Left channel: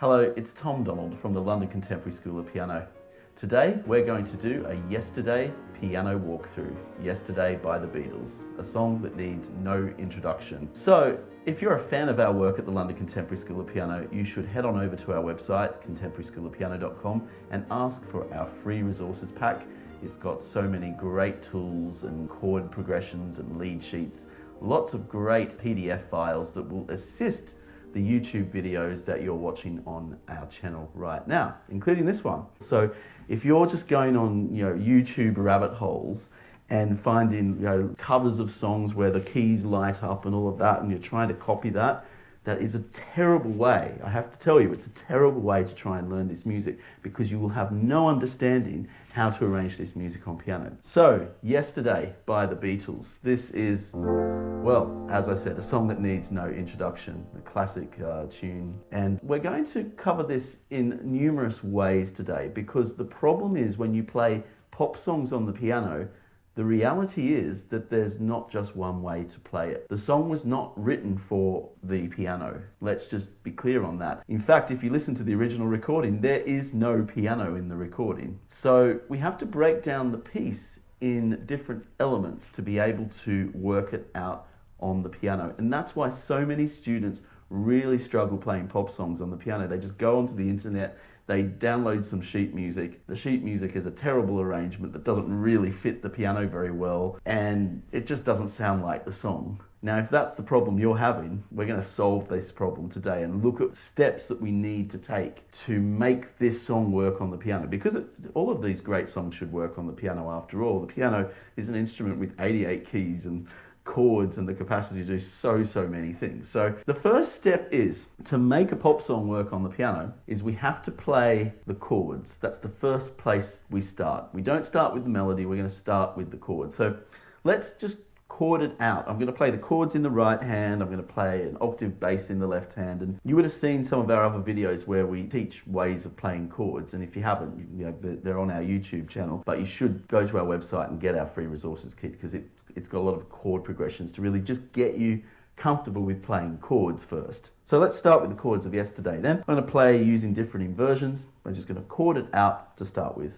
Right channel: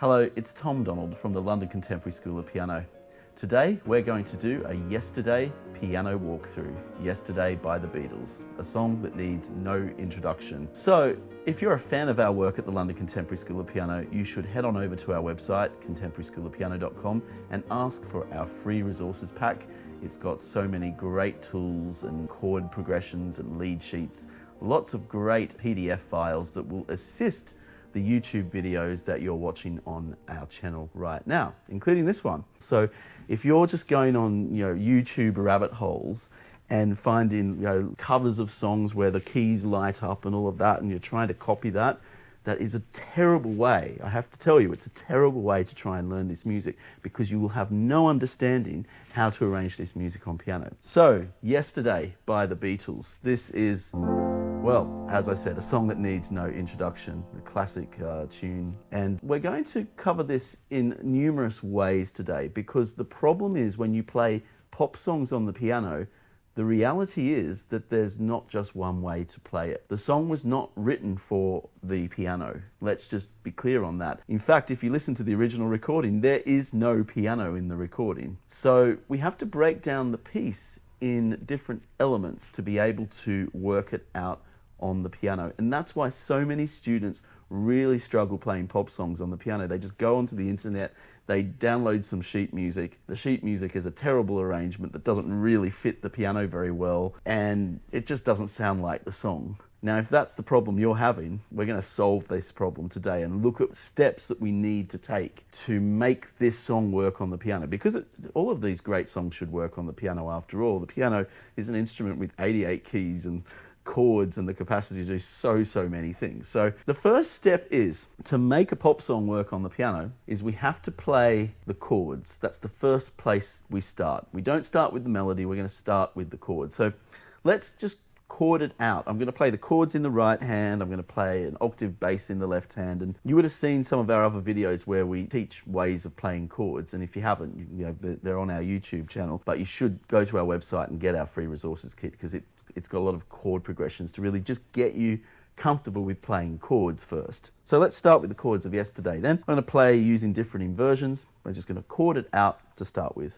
Hello, it's Tom Donald from the London Contemporary School of Piano. Today we're going to do a Yesterday piano walkthrough, Yesterday by the Beatles, a song that needs no introduction. So if you're a fan of our work at the London Contemporary School of Piano, you should head on over to our website, contemporaryschoolofpiano.com, and ask for our free resources pack. It's got so many great tools and chord progressions and lead sheets, lots of great PDF files that will assist the YouTube videos that you're watching on our channel right now, including this one. So if you're just going on YouTube rabbit holes and finding covers of songs where the keys light up and all of that, and you're trying to copy that, that is a terrible way. I have to tell you, it's a terrible way to try and learn this music, because you will have no understanding how to arrange this music on piano. So, Yesterday by the Beatles. This is, well, as I said, a song that needs no introduction, the classic tune. And we're going to cover this in numerous ways today, because the problem is when you play pop songs on the piano, the reality is that there's not just one way to play it. The song was not written for the piano. Let's just be clear on that. In fact, if you listen to the original recording, there is no piano in the recording. So we have to break down the piece in different elements to be able to work it out on the piano. And that's why so many students really struggle playing pop songs on the piano. They just go onto the internet, they download some sheet music. The sheet music is a terrible arrangement that doesn't really fit the piano very well, and it just doesn't sound like the song. Now, if that's the problem you're having, we're going to solve this problem today and look at steps that we need to take to make this song work on the piano, because all of these great songs should work on the piano after all. The piano is an instrument with 88 keys and chords and the capacity to do so many things. So the first step is to make a pop song work on the piano is we have to play the chords. That's the first place we start. We don't start with the melody, we're going to start with the chords. So let's just chord it out. I'm going to play the chords in the right hand, I'm going to play an octave bass in the left hand, and you would have seen some of our other videos where we teach ways of playing chords, and if you haven't, they're on our YouTube channel, but you should go to our website and get our free resources kit, because it's got a lot of chord progressions to really just get you comfortable with playing chords first. So let's start with the chords of Yesterday. Then I'm going to play using different inversions. I'm just going to chord it out to start with.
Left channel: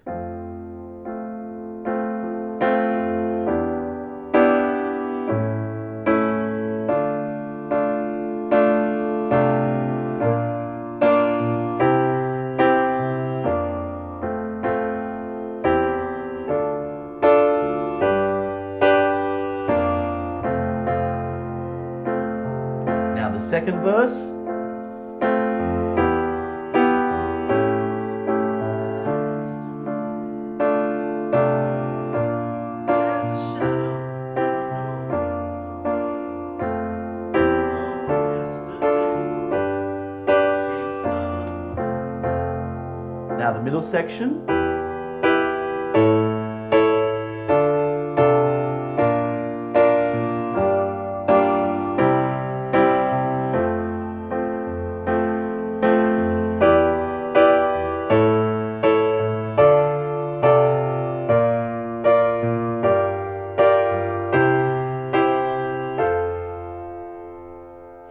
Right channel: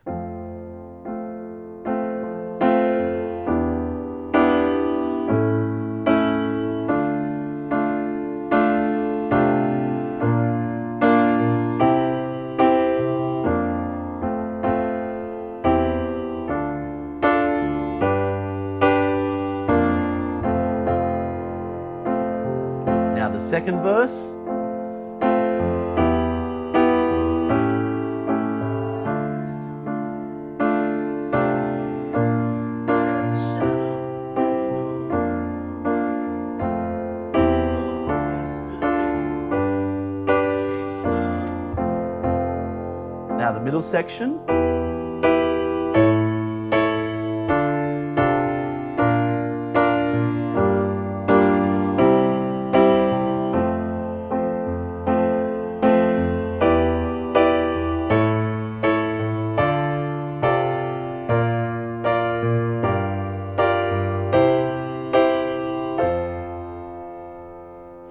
Now the second verse. Now the middle section.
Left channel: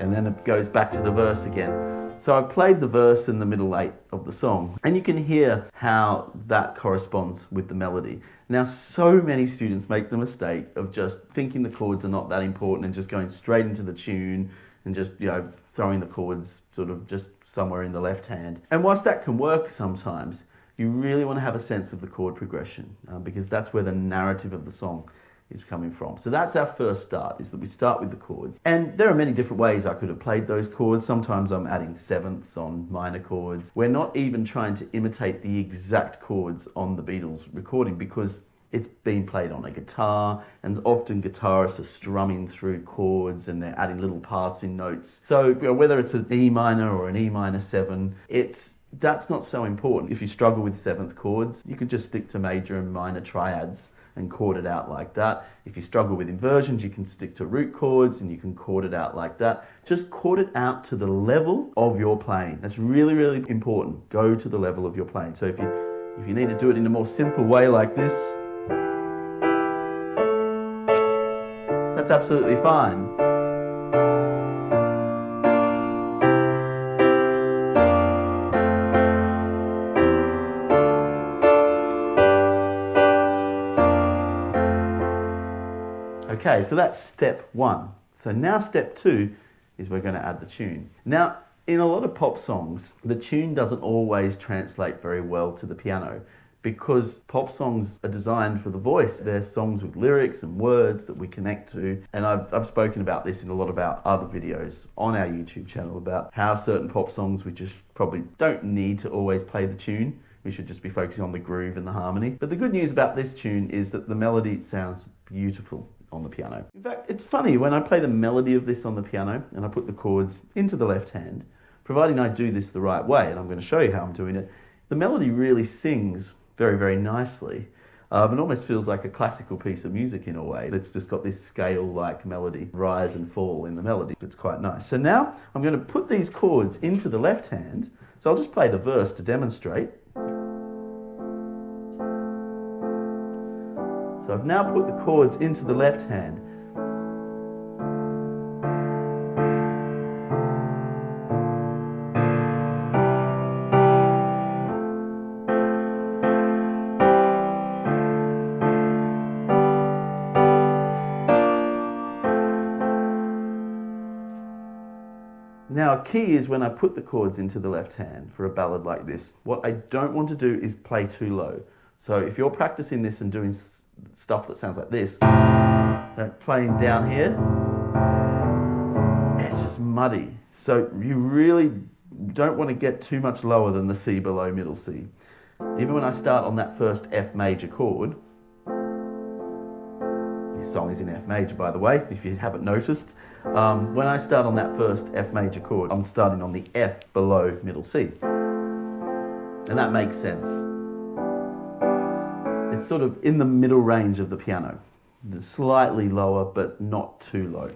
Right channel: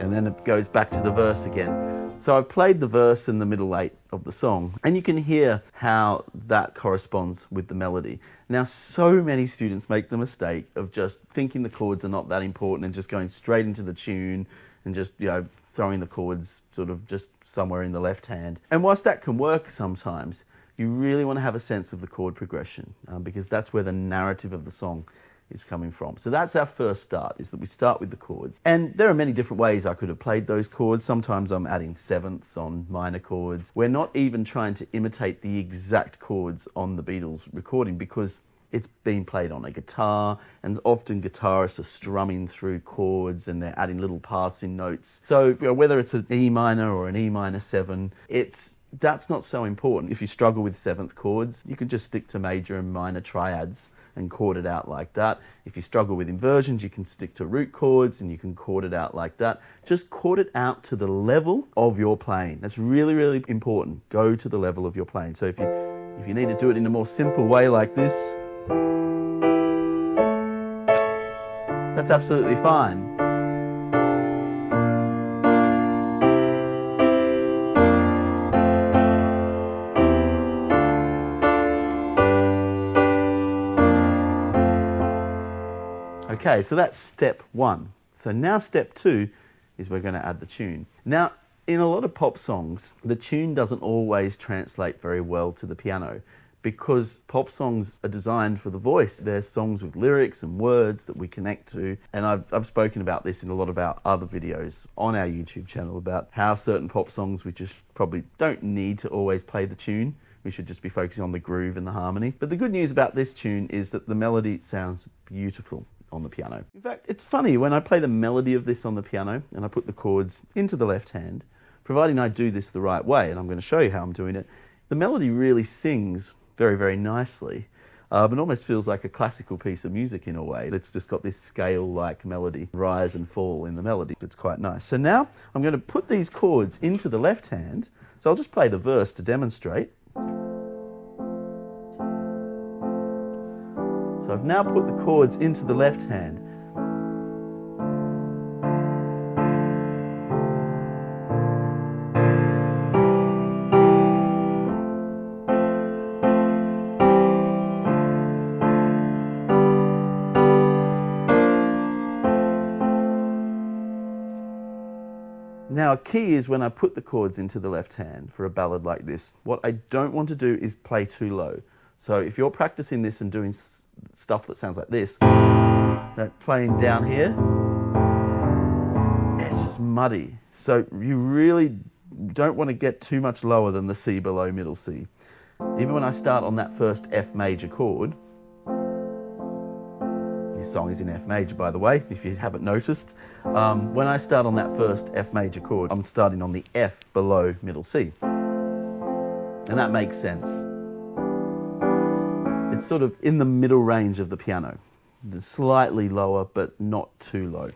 And then it goes back to the verse again. So I've played the verse in the middle 8 of the song, and you can hear how that corresponds with the melody. Now, so many students make the mistake of just thinking the chords are not that important and just going straight into the tune and just, throwing the chords sort of just somewhere in the left hand. And whilst that can work sometimes, you really want to have a sense of the chord progression, because that's where the narrative of the song is coming from. So that's our first start, is that we start with the chords. And there are many different ways I could have played those chords. Sometimes I'm adding sevenths on minor chords. We're not even trying to imitate the exact chords on the Beatles recording, because it's being played on a guitar, and often guitarists are strumming through chords and they're adding little passing notes. So whether it's an E minor or an E minor 7, that's not so important. If you struggle with seventh chords, you can just stick to major and minor triads and chord it out like that. If you struggle with inversions, you can stick to root chords and you can chord it out like that. Just chord it out to the level of your playing. That's really important. Go to the level of your playing. So if you need to do it in a more simple way like this, that's absolutely fine. Okay, so that's step one. So now step two is we're going to add the tune. Now, in a lot of pop songs, the tune doesn't always translate very well to the piano because pop songs are designed for the voice. They're songs with lyrics and words that we connect to. And I've spoken about this in a lot of our other videos on our YouTube channel about how certain pop songs we just probably don't need to always play the tune. We should just be focusing on the groove and the harmony. But the good news about this tune is that the melody sounds beautiful on the piano. In fact, it's funny, when I play the melody of this on the piano and I put the chords into the left hand, providing I do this the right way, and I'm going to show you how I'm doing it, the melody really sings very, very nicely. It almost feels like a classical piece of music in a way. It's just got this scale-like melody, rise and fall in the melody. It's quite nice. So now I'm going to put these chords into the left hand. So I'll just play the verse to demonstrate. So I've now put the chords into the left hand. Now, a key is when I put the chords into the left hand for a ballad like this, what I don't want to do is play too low. So if you're practicing this and doing stuff that sounds like this, playing down here, it's just muddy. So you really don't want to get too much lower than the C below middle C. Even when I start on that first F major chord, this song is in F major, by the way, if you haven't noticed. When I start on that first F major chord, I'm starting on the F below middle C. And that makes sense. It's sort of in the middle range of the piano. It's slightly lower, but not too low.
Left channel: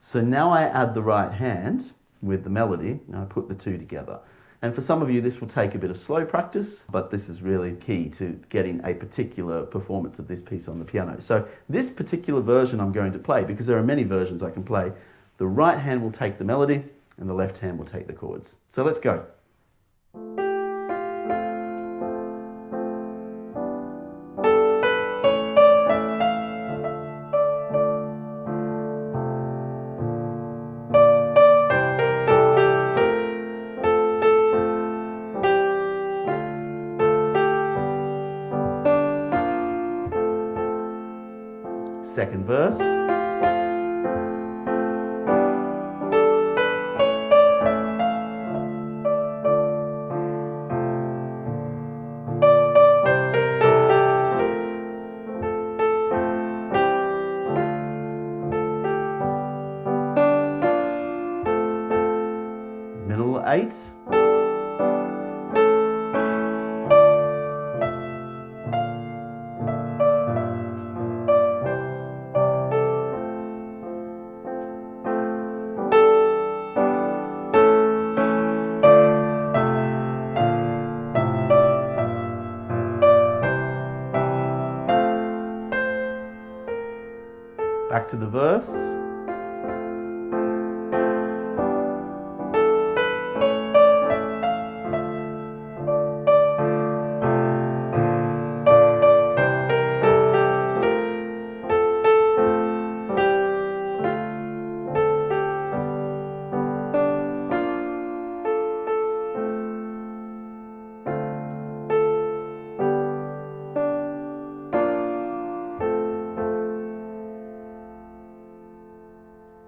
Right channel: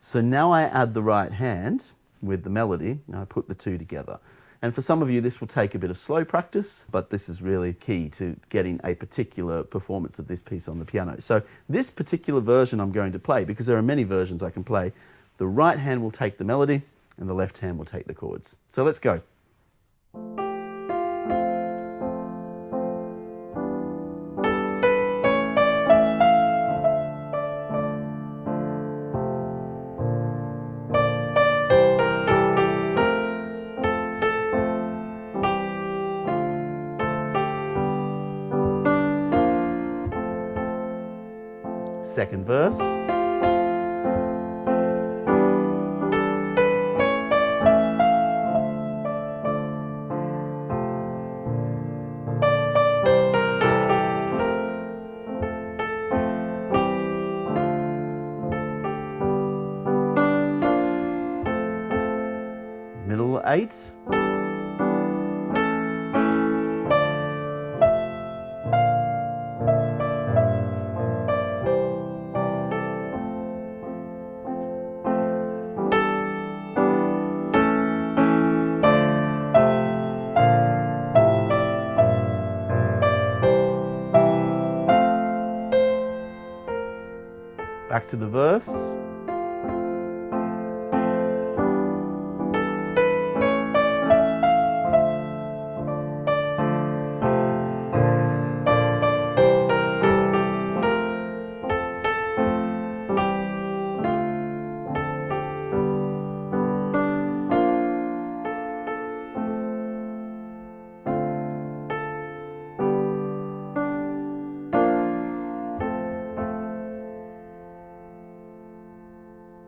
So now I add the right hand with the melody, and I put the two together. And for some of you, this will take a bit of slow practice, but this is really key to getting a particular performance of this piece on the piano. So this particular version I'm going to play, because there are many versions I can play, the right hand will take the melody and the left hand will take the chords. So let's go. Second verse. Middle 8. Back to the verse.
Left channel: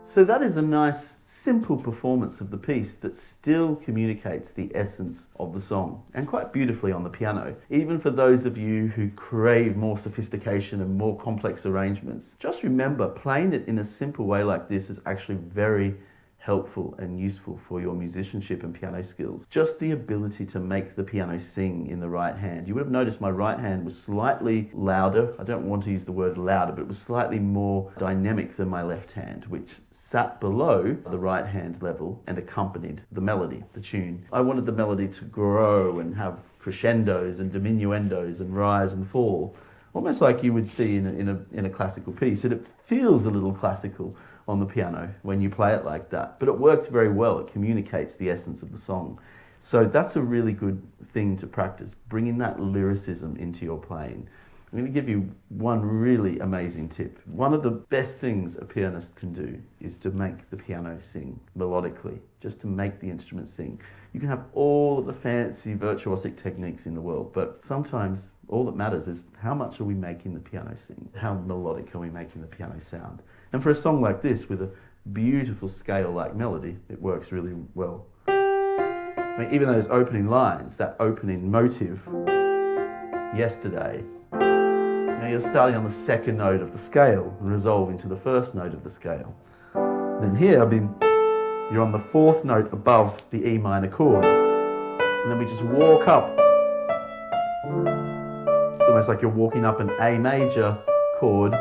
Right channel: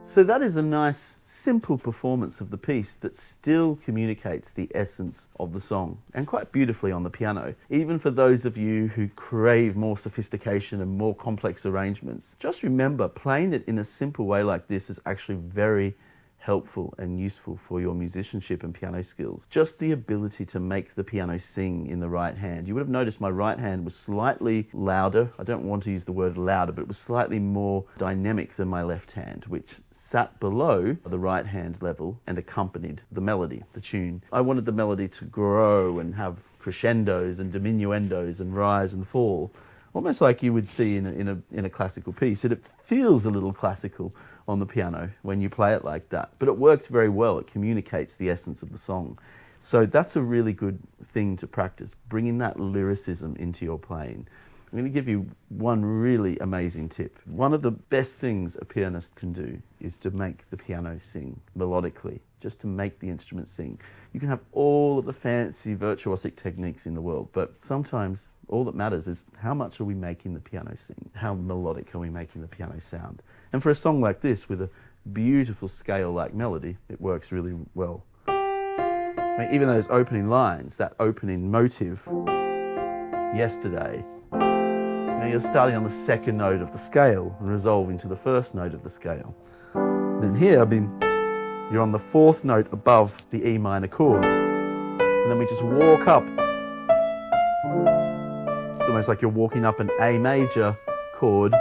So that is a nice, simple performance of the piece that still communicates the essence of the song, and quite beautifully on the piano. Even for those of you who crave more sophistication and more complex arrangements, just remember, playing it in a simple way like this is actually very helpful and useful for your musicianship and piano skills. Just the ability to make the piano sing in the right hand. You would have noticed my right hand was slightly louder. I don't want to use the word louder, but it was slightly more dynamic than my left hand, which sat below the right hand level and accompanied the melody, the tune. I wanted the melody to grow and have crescendos and diminuendos and rise and fall, almost like you would see in a classical piece. And it feels a little classical on the piano when you play it like that, but it works very well. It communicates the essence of the song. So that's a really good thing to practice, bringing that lyricism into your playing. I'm going to give you one really amazing tip. One of the best things a pianist can do is to make the piano sing melodically, just to make the instrument sing. You can have all of the fancy virtuosic techniques in the world, but sometimes all that matters is how much are we making the piano sing? How melodic are we making the piano sound? And for a song like this, with a beautiful scale-like melody, it works really well. I mean, even those opening lines, that opening motive, yesterday, you're starting on the second note of the scale and resolving to the first note of the scale. Then here, you're on the fourth note above the E minor chord. And then we just walk up. It's almost like you're walking up an A major chord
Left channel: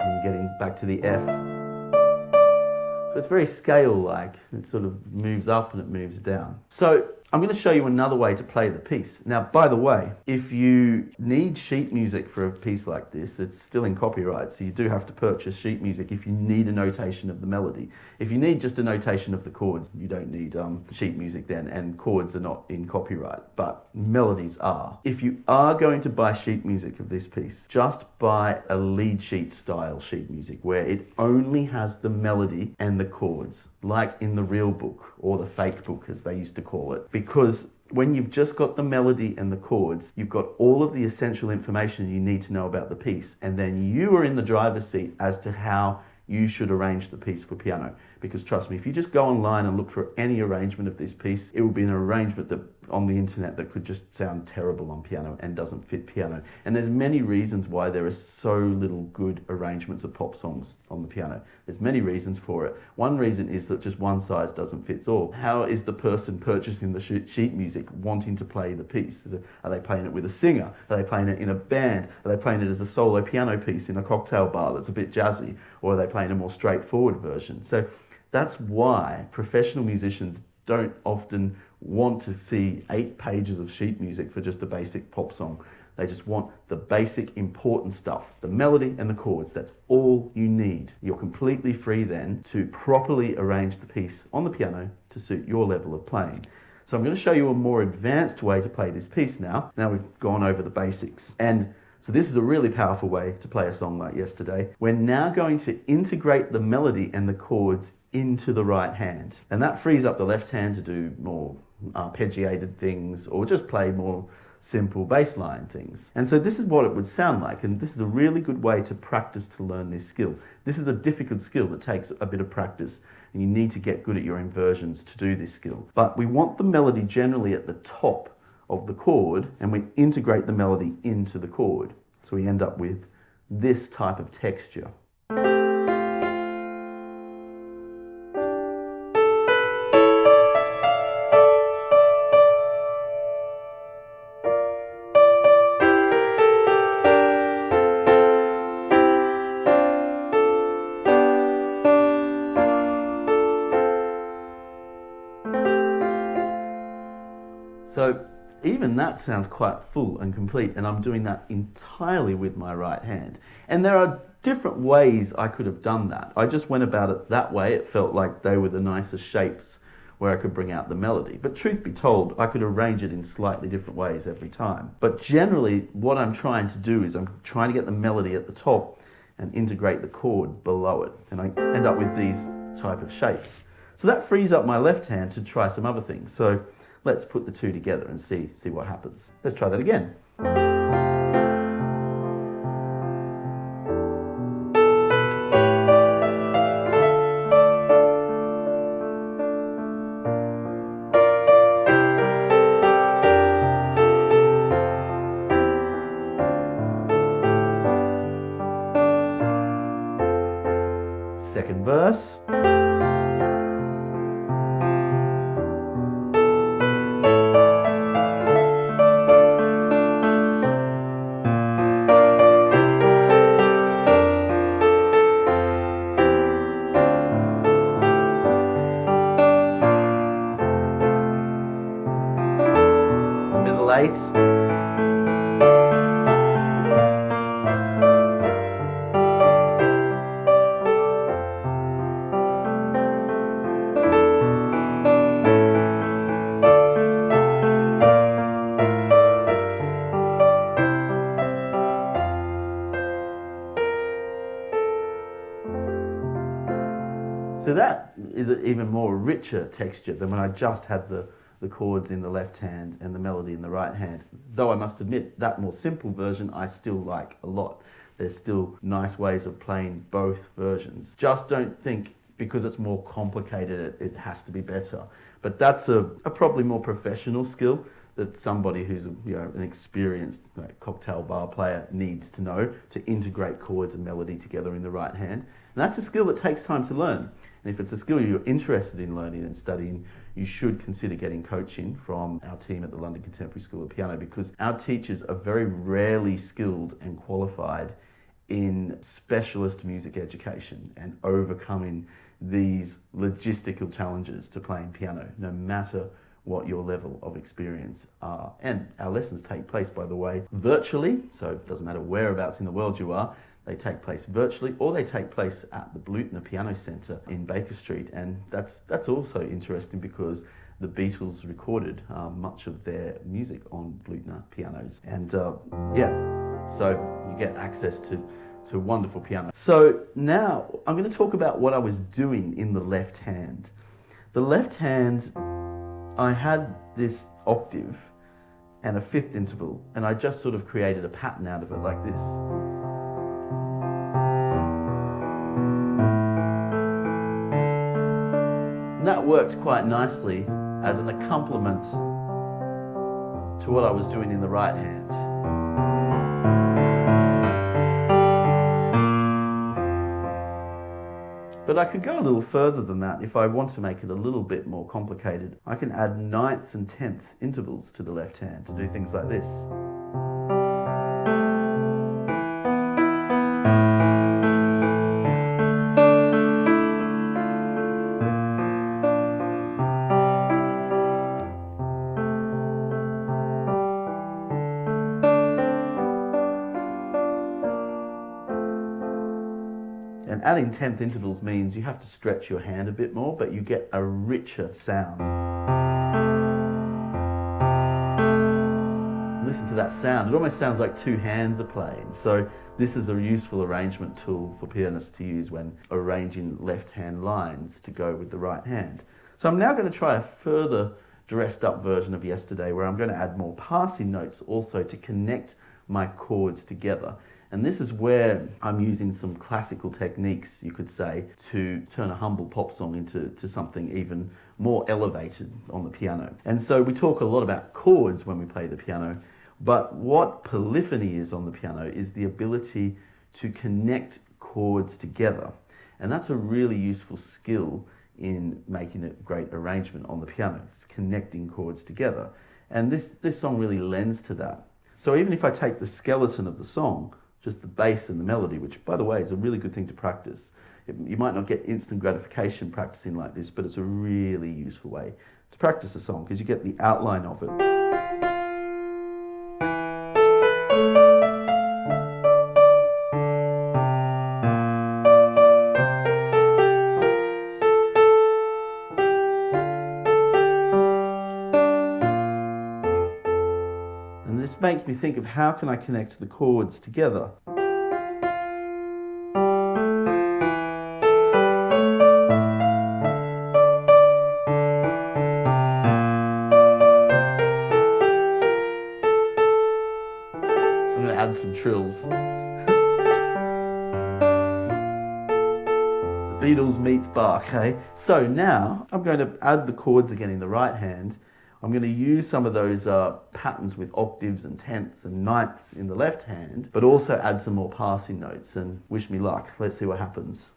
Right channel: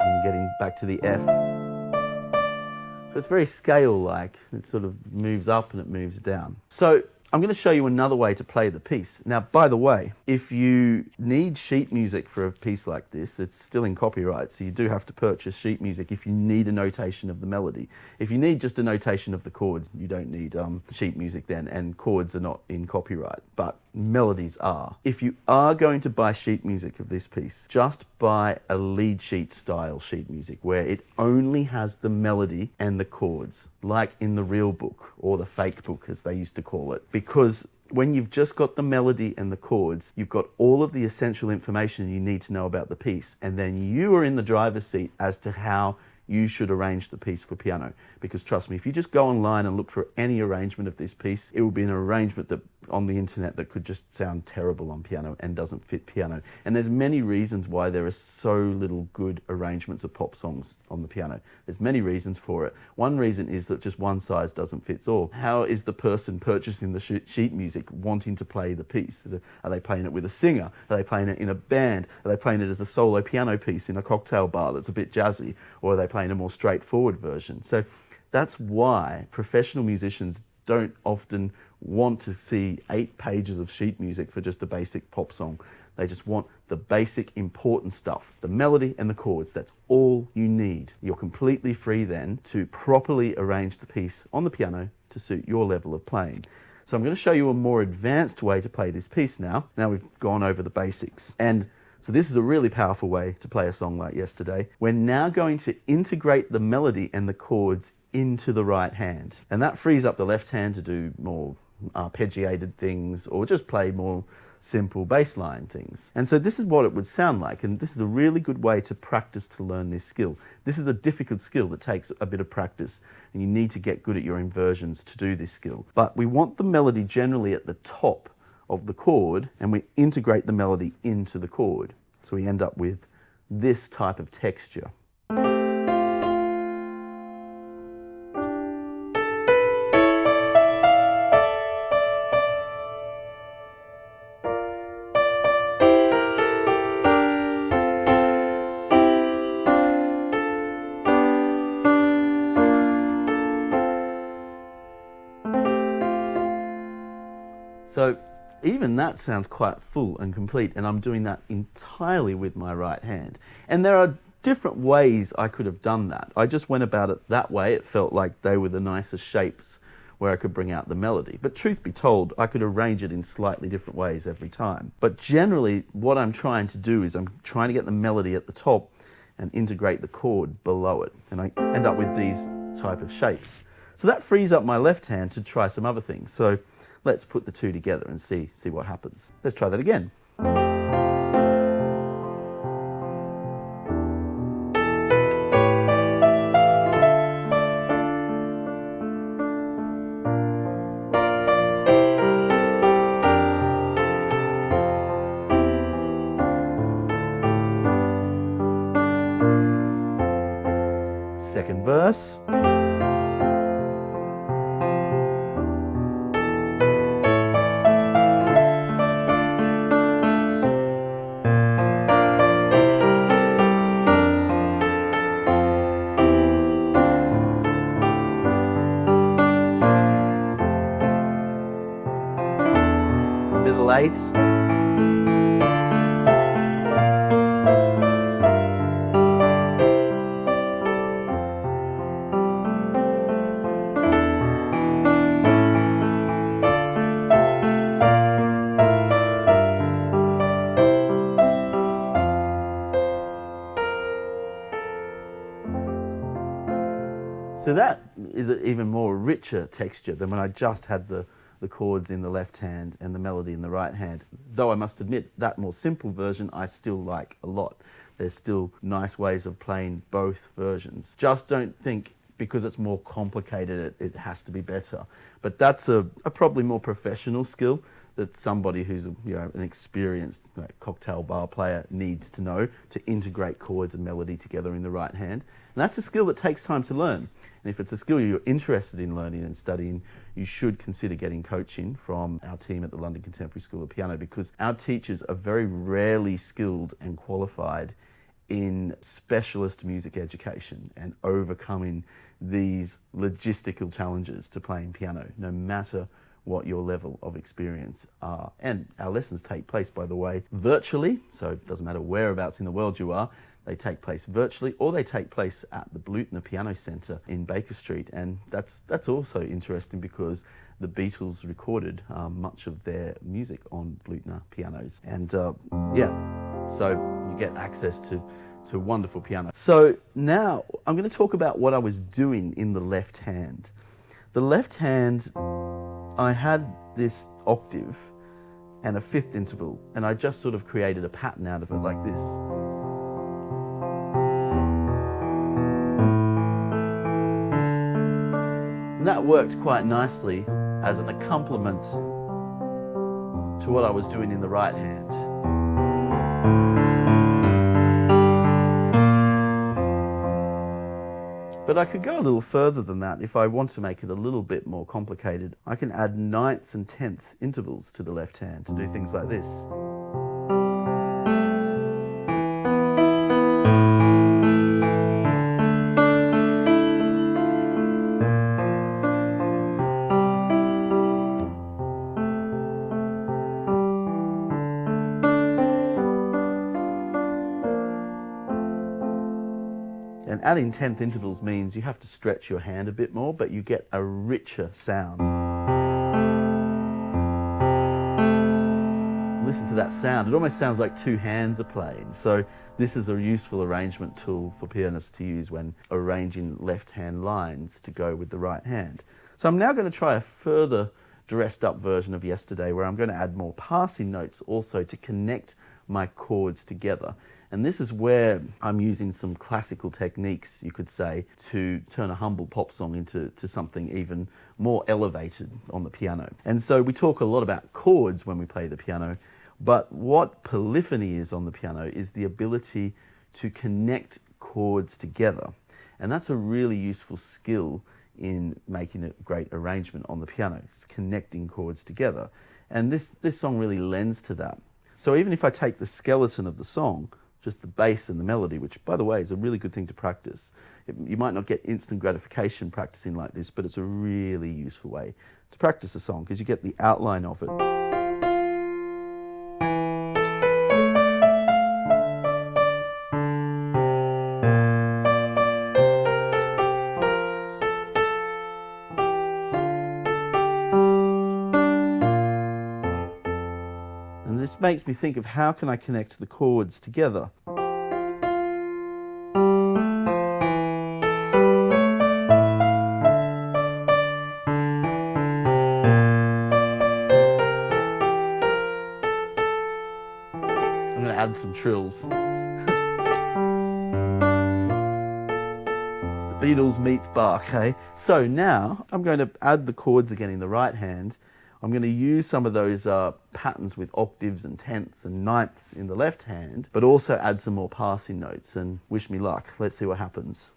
and getting back to the F. So it's very scale-like. It sort of moves up and it moves down. So I'm going to show you another way to play the piece. Now, by the way, if you need sheet music for a piece like this, it's still in copyright, so you do have to purchase sheet music if you need a notation of the melody. If you need just a notation of the chords, you don't need sheet music then, and chords are not in copyright, but melodies are. If you are going to buy sheet music of this piece, just buy a lead sheet style sheet music where it only has the melody and the chords, like in the real book, or the fake book as they used to call it. Because when you've just got the melody and the chords, you've got all of the essential information you need to know about the piece, and then you are in the driver's seat as to how you should arrange the piece for piano. Because trust me, if you just go online and look for any arrangement of this piece, it will be an arrangement that on the internet that could just sound terrible on piano and doesn't fit piano. And there's many reasons why there are so little good arrangements of pop songs on the piano. There's many reasons for it. One reason is that just one size doesn't fit all. How is the person purchasing the sheet music wanting to play the piece? Are they playing it with a singer? Are they playing it in a band? Are they playing it as a solo piano piece in a cocktail bar that's a bit jazzy? Or are they playing a more straightforward version? So that's why professional musicians don't often want to see 8 pages of sheet music for just a basic pop song. They just want the basic important stuff, the melody and the chords. That's all you need. You're completely free then to properly arrange the piece on the piano to suit your level of playing. So I'm going to show you a more advanced way to play this piece now. Now we've gone over the basics. And so this is a really powerful way to play a song like Yesterday. We're now going to integrate the melody and the chords into the right hand. And that frees up the left hand to do more arpeggiated things or just play more simple bass line things. And so this is what it would sound like, and this is a really good way to practice to learn this skill. This is a difficult skill that takes a bit of practice, and you need to get good at your inversions to do this skill. But we want the melody generally at the top of the chord, and we integrate the melody into the chord. So we end up with this type of texture. So even that sounds quite full and complete, and I'm doing that entirely with my right hand. And there are different ways I could have done that. I just went about it that way. It felt like they were the nicest shapes where I could bring out the melody. But truth be told, I could arrange it in slightly different ways every time. But generally, what I'm trying to do is I'm trying to get the melody at the top and integrate the chord below it. And I end up with these type of shapes. So that frees up my left hand to try some other things. So let's put the two together and see what happens. Let's try that again. Second verse. Middle eights. So that is an even more richer texture than when I just had the chords in the left hand and the melody in the right hand. Though I must admit, that more simple version I still like a lot. There's still nice ways of playing both versions. Just don't think because it's more complicated it has to be better. But that's a probably more professional skill that somebody who's an experienced cocktail bar player needs to know, to integrate chords and melody together in the right hand. And that's a skill that takes time to learn. And if it's a skill you're interested in learning and studying, you should consider getting coaching from our team at the London Contemporary School of Piano, because our teachers are very rarely skilled and qualified in specialist music education and overcoming these logistical challenges to playing piano, no matter what your level of experience are. And our lessons take place, by the way, virtually, so it doesn't matter whereabouts in the world you are, they take place virtually, or they take place at the Blutner Piano Centre in Baker Street. And that's also interesting because the Beatles recorded much of their music on Blutner pianos. And so you get access to wonderful piano. So now I'm going to talk about what I was doing in the left hand. The left hand, I had this octave and a fifth interval, and I just sort of created a pattern out of it like this. And that worked quite nicely as an accompaniment to what I was doing in the right hand. But I could go a little further than that. If I want to make it a little bit more complicated, I can add ninths and tenth intervals to the left hand to do things like this. And adding tenth intervals means you have to stretch your hand a bit more, but you get a richer sound. Listen to that sound. It almost sounds like two hands are playing. So this is a useful arrangement tool for pianists to use when arranging left-hand lines to go with the right hand. So I'm now going to try a further dressed up version of Yesterday, where I'm going to add more passing notes also to connect my chords together. And this is where I'm using some classical techniques, you could say, to turn a humble pop song into something even more elevated on the piano. And so we talk a lot about chords when we play the piano, but what polyphony is on the piano is the ability to connect chords together. And that's a really useful skill in making a great arrangement on the piano. It's connecting chords together. And this song really lends to that. So even if I take the skeleton of the song, just the bass and the melody, which, by the way, is a really good thing to practice. You might not get instant gratification practicing like this, but it's a really useful way to practice a song because you get the outline of it. And this makes me think of how can I connect the chords together. I'm going to add some trills. The Beatles meets Bach, eh? So now I'm going to add the chords again in the right hand. I'm going to use some of those patterns with octaves and tenths and ninths in the left hand, but also add some more passing notes, and wish me luck. Let's see what happens.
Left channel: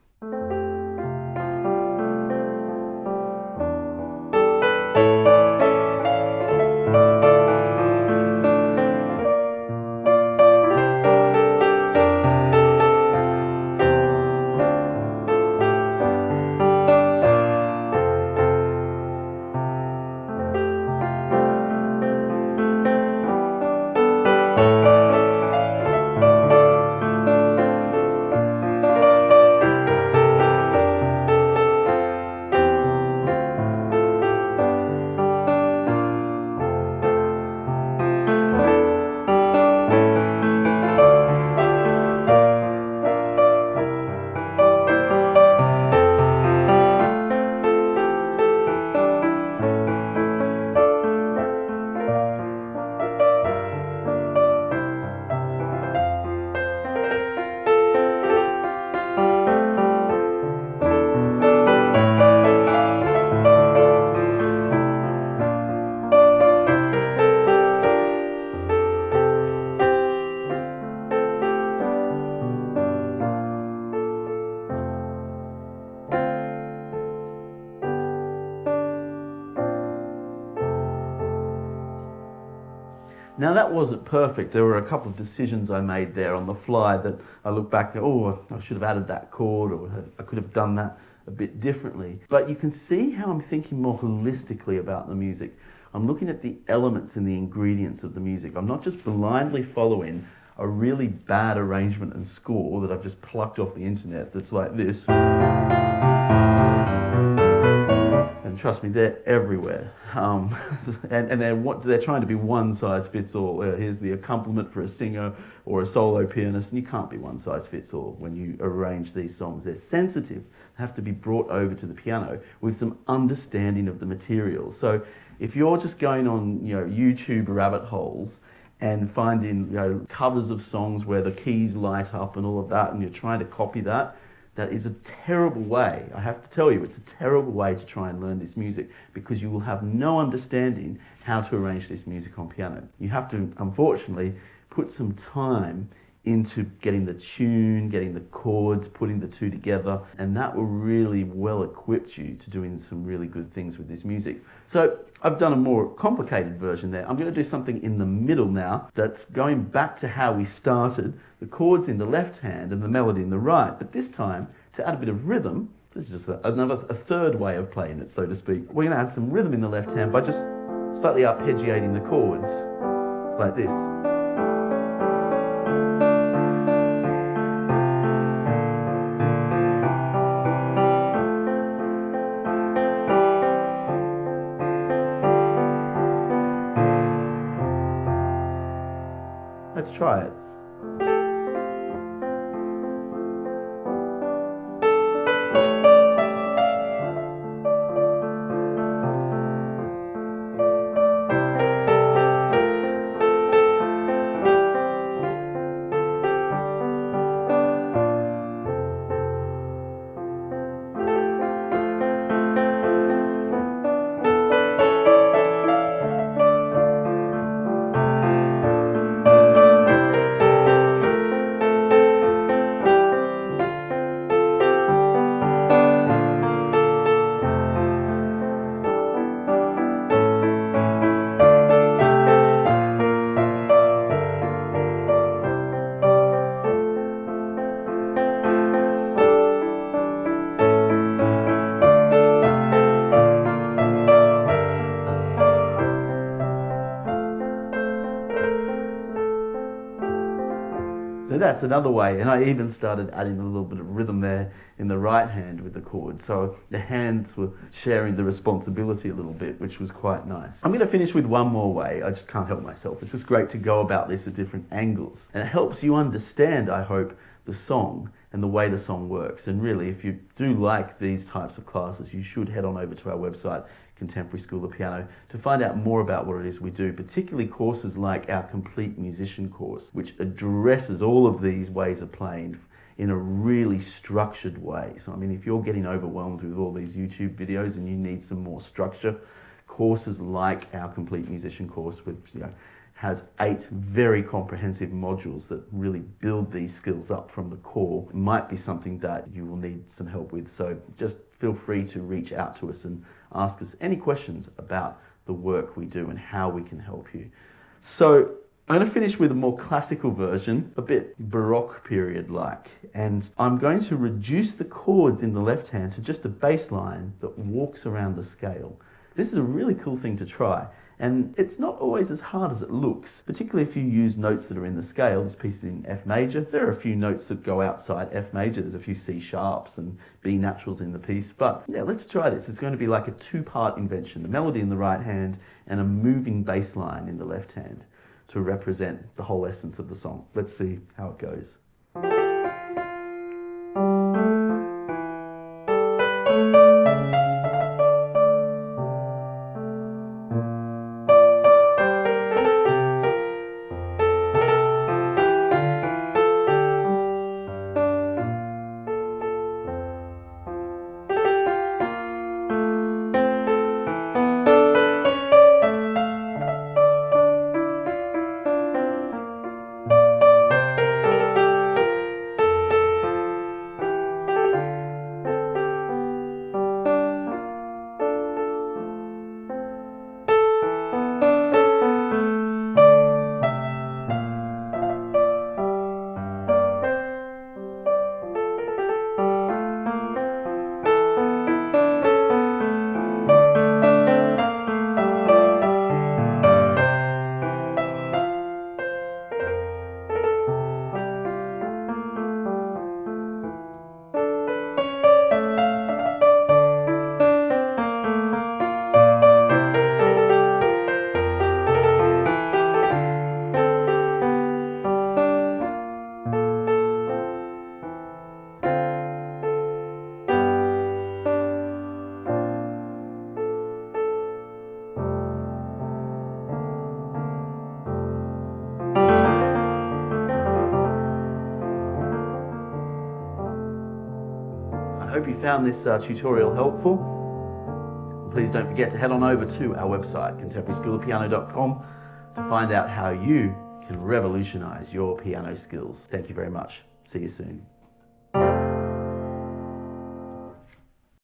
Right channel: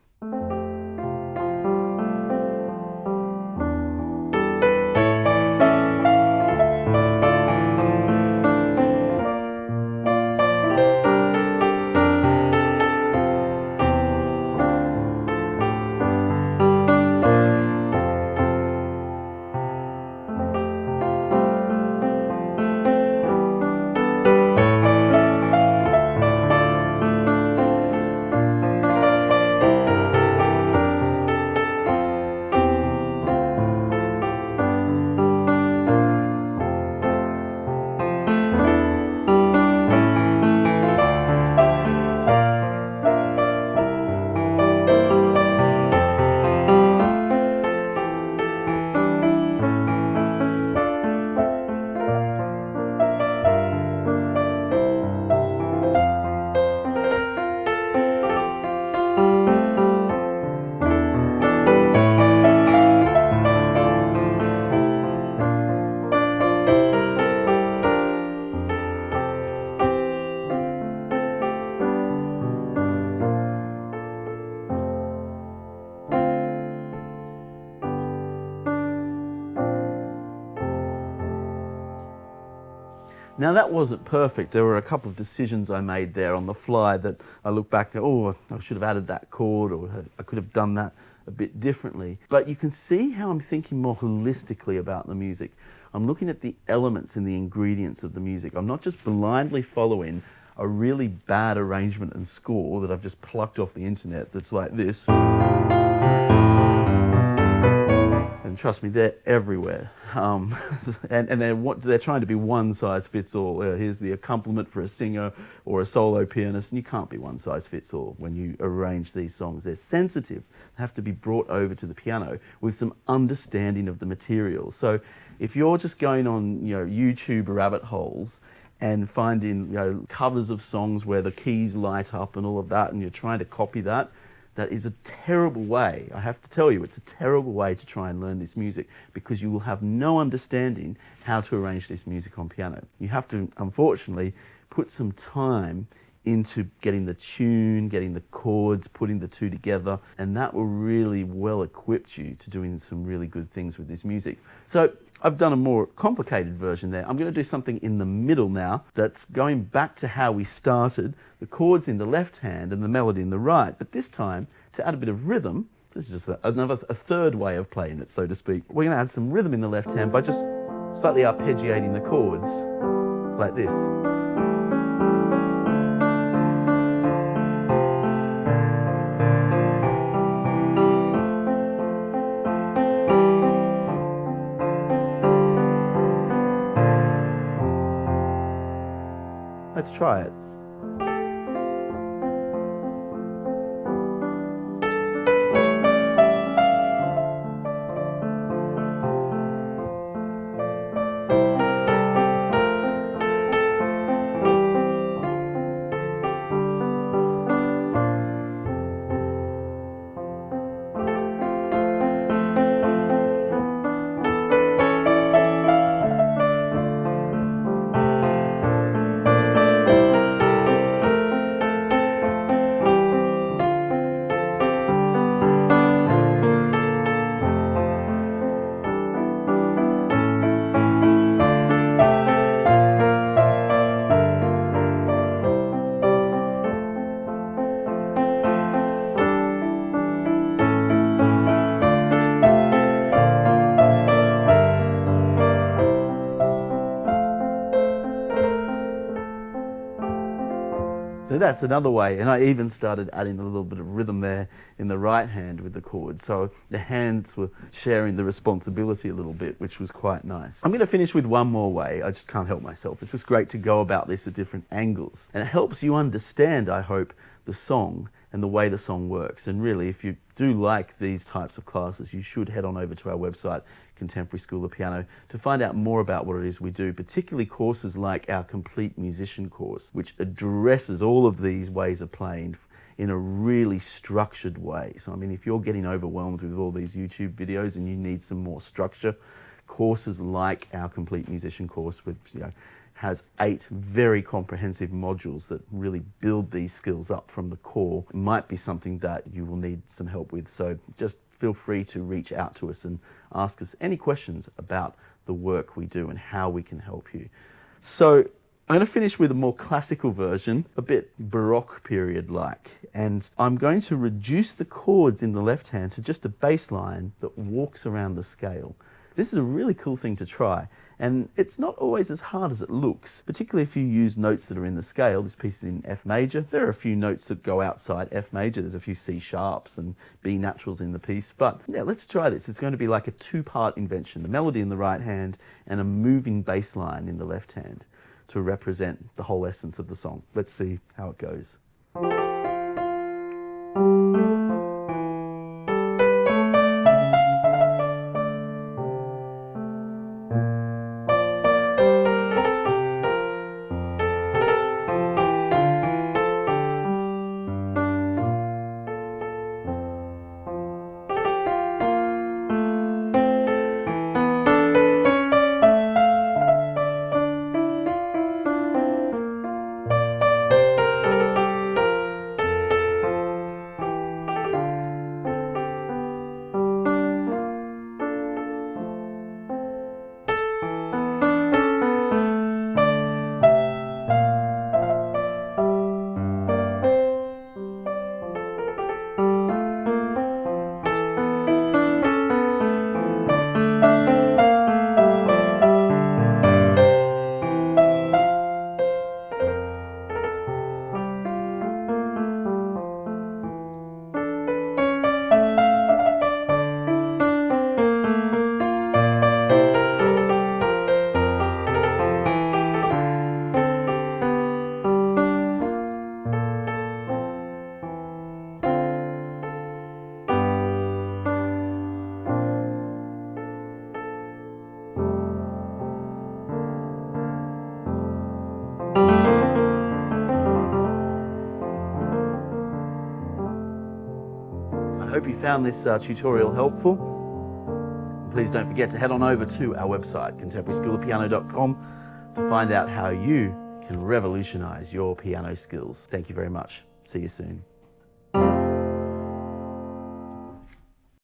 Now that wasn't perfect. There were a couple of decisions I made there on the fly that I look back at, oh, I should have added that chord, or I could have done that a bit differently. But you can see how I'm thinking more holistically about the music. I'm looking at the elements and the ingredients of the music. I'm not just blindly following a really bad arrangement and score that I've just plucked off the internet that's like this. And trust me, they're everywhere. And they're trying to be one size fits all. Here's the accompaniment for a singer or a solo pianist, and you can't be one size fits all when you arrange these songs. They're sensitive, they have to be brought over to the piano with some understanding of the material. So if you're just going on, YouTube rabbit holes and finding, covers of songs where the keys light up and all of that, and you're trying to copy that, that is a terrible way. I have to tell you, it's a terrible way to try and learn this music, because you will have no understanding how to arrange this music on piano. You have to, unfortunately, put some time into getting the tune, getting the chords, putting the two together, and that will really well equip you to doing some really good things with this music. So I've done a more complicated version there. I'm going to do something in the middle now that's going back to how we started, the chords in the left hand and the melody in the right, but this time to add a bit of rhythm. This is just a third way of playing it, so to speak. We're going to add some rhythm in the left hand by just slightly arpeggiating the chords like this. Let's try it. So that's another way, and I even started adding a little bit of rhythm there in the right hand with the chords, so the hands were sharing the responsibility a little bit, which was quite nice. I'm going to finish with one more way. I just can't help myself. It's just great to go about this at different angles, and it helps you understand, I hope, the song and the way the song works. And really, if you do like these types of classes, you should head on over to our website, Contemporary School of Piano, to find out more about what it is we do, particularly courses like our Complete Musician course, which addresses all of these ways of playing in a really structured way. So I mean, if you're getting overwhelmed with all these YouTube videos and you need some more structure, courses like our Complete Musician course, which has 8 very comprehensive modules that really build these skills up from the core, might be something that you will need some help with. So just feel free to reach out to us and ask us any questions about the work we do and how we can help you. So I'm going to finish with a more classical version, a bit Baroque period-like, and I'm going to reduce the chords in the left hand to just a bass line that walks around the scale. This is a really cool thing to try, and it's not always as hard as it looks, particularly if you use notes that are in the scale. This piece is in F major. There are a few notes that go outside F major. There's a few C sharps and B naturals in the piece, but yeah, let's try this. It's going to be like a 2-part invention, the melody in the right hand and a moving bass line in the left hand to represent the whole essence of the song. Let's see how it goes. hope you found this tutorial helpful. Please don't forget to head on over to our website, contemporaryschoolofpiano.com, to find out how you can revolutionize your piano skills. Thank you very much. See you soon.